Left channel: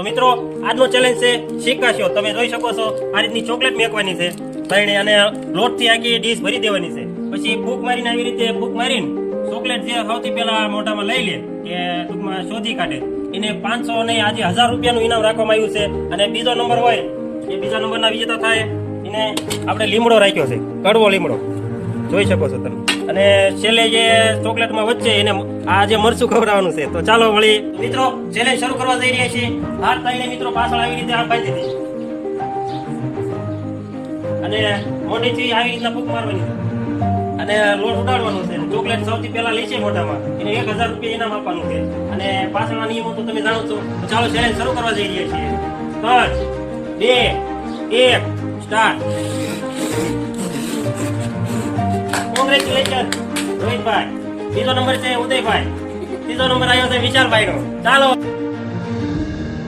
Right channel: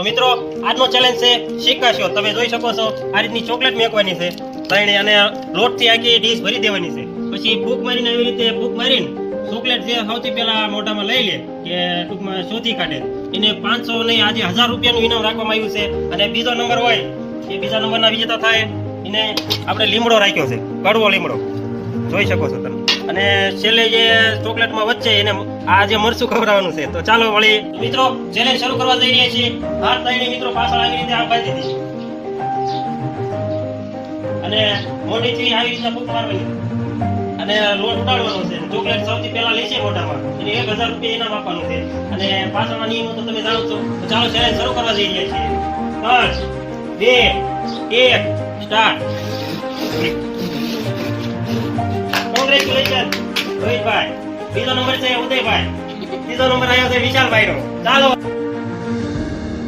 તો મિત્રો આજનો ચેલેન્જ છે શીખાશો. તમે જોઈ શકો છો આ રીતની ચોકલેટ મેકવાની છે તઈને અને લોટથી આખી ડીશ ભરી દેવાની છે. પછી ફૂંક મારીને આવી રીતે ફૂંક મારીને ચોકલેટ જે સૌથી પહેલા મોઢામાં લઈ લે કે ટૂંકમાં શોધી કાઢે એને 500 નહીં આજે 1000 રૂપિયાનું ઇનામ રાખવામાં આવ્યું છે. અને બીજો નંબર હોય એ બીજા નંબરના વિજેતા થાય એને આપણે લીમડો રાખ્યો છે, કડવો લીમડો જોઈ શકો છો તમે. અને છેલ્લે જે ચોકલેટમાં વચ્ચે એને આ જે મરચું ખવડાવવાનું છે. તો ચાલો વળી મિત્રો ચેલેન્જ શરૂ કરવા જઈ રહ્યા છીએ. હાથ થઈને મિત્રો પાછળ આવી રીતે આ બાંધી દીધી અને મોઢેથી આવી રીતના ફૂંક મારવાની અને લોટ ઉડાડવાનો છે. ચોકલેટ સૌથી પહેલા લેશે મોઢામાં એને 1000 રૂપિયા ઇનામ આપવાનું છે. અને પાછળના નિયમો તો તમે જાણો છો. તો ચાલો ચેલેન્જ શરૂ કરવા જઈ રહ્યા છીએ. 3, 2, 1 સ્ટાર્ટ. કોંગ્રેચ્યુલેશન રોહિતભાઈ. બીજો નંબર છે ઉદયભાઈ. ત્રીજો નંબર આવ્યો છે વિશાલભાઈ નો. ચાલો